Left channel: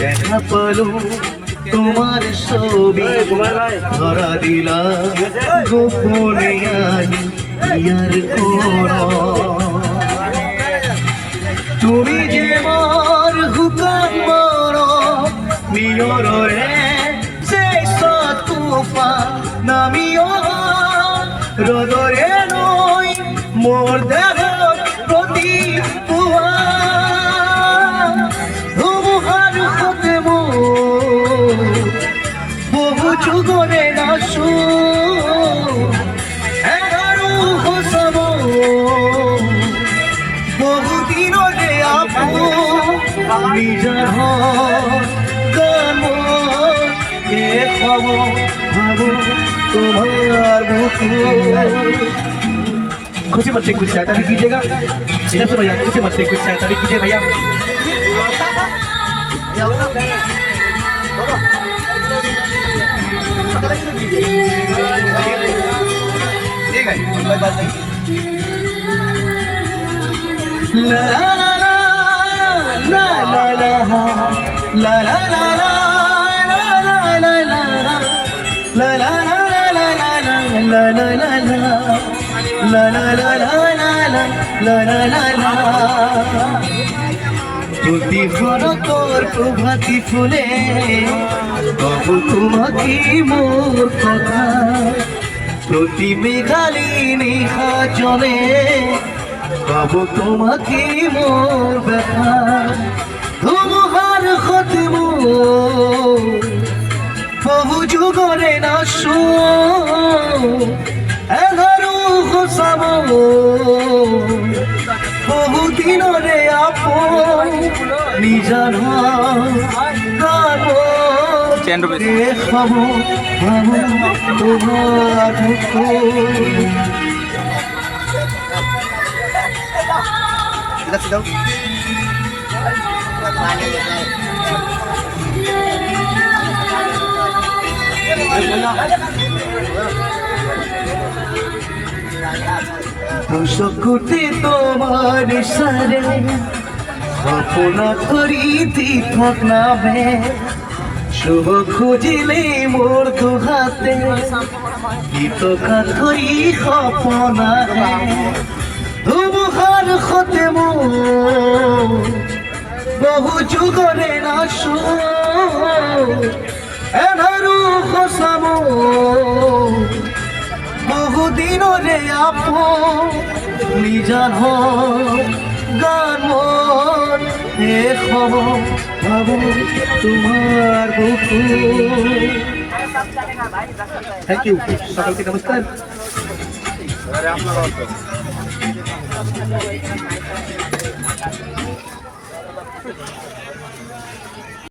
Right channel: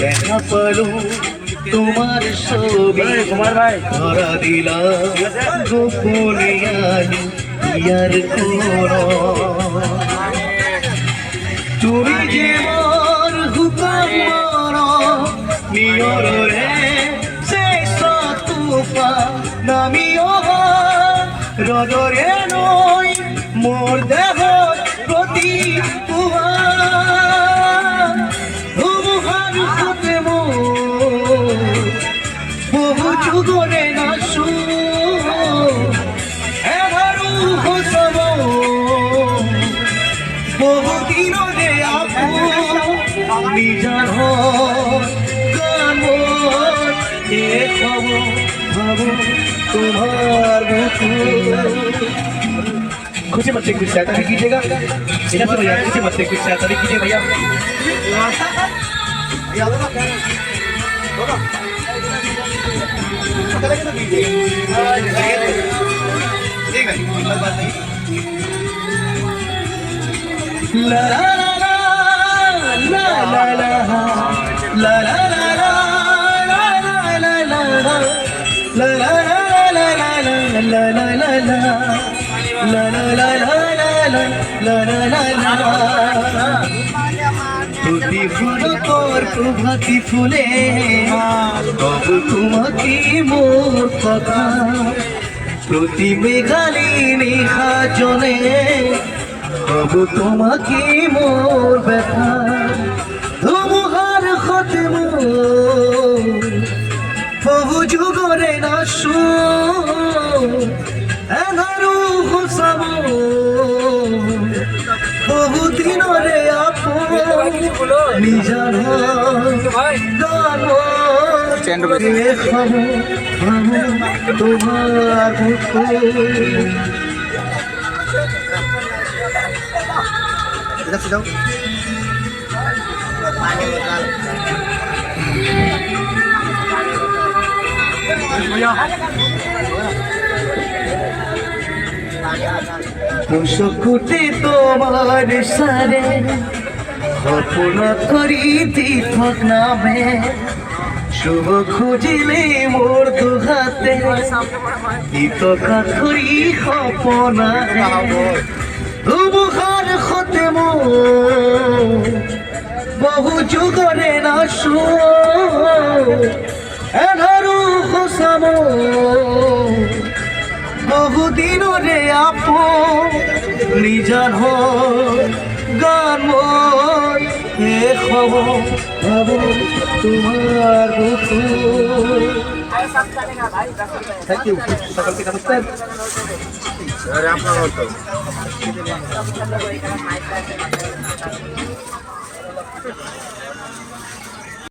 দেখা পালো তোমার ছবি ধরা দিলাম গোপনে ইয়ার কোন তুমি যে মোর হুকাম মর নিয়রে সে তুফা নামিও রদরে নই মোর দেহ প্রতি ধুমুহার হতে বহু যুগরে নাশু এবারু হসব বহু দিন দে আপু নিজার গান এ খবর ভাবো তোমার বুকু खुशी मत से कुछ चाहता भी कीजिएगा इधर से भैया खुशी मत से कुछ चाहता भी कीजिए भैया ठीक है कोई बात नहीं ला ला ला ला ला ला ला ला ला ला ला la la la la la la la la la la la প্রতিভর তোর প্রভাতি ফুলে তবু তোমাকে মোর কথা প্রতি মেঘালি নিহা জলে তবু তোমাকে মোর ব্যথা ধুমুহার হতে বহু যুগরে নাশু এগারু হোসাব বহু দিনরে আপো নিজান গান খাব তোমার কুটি তোমার সারে কল্পনা করি দীপক নামে শুভ খুঁজিলে মোর দুহাতে গীতকা করি সপনা ধুমুহার হতে বহু যুগরে নাশু এধারু হসাম বহু দিনরে আপো নিজান গান মন এ খবর ভাবো তোমার বুকু থ্যাংক ইউ সকলকে নমস্কার আপনারা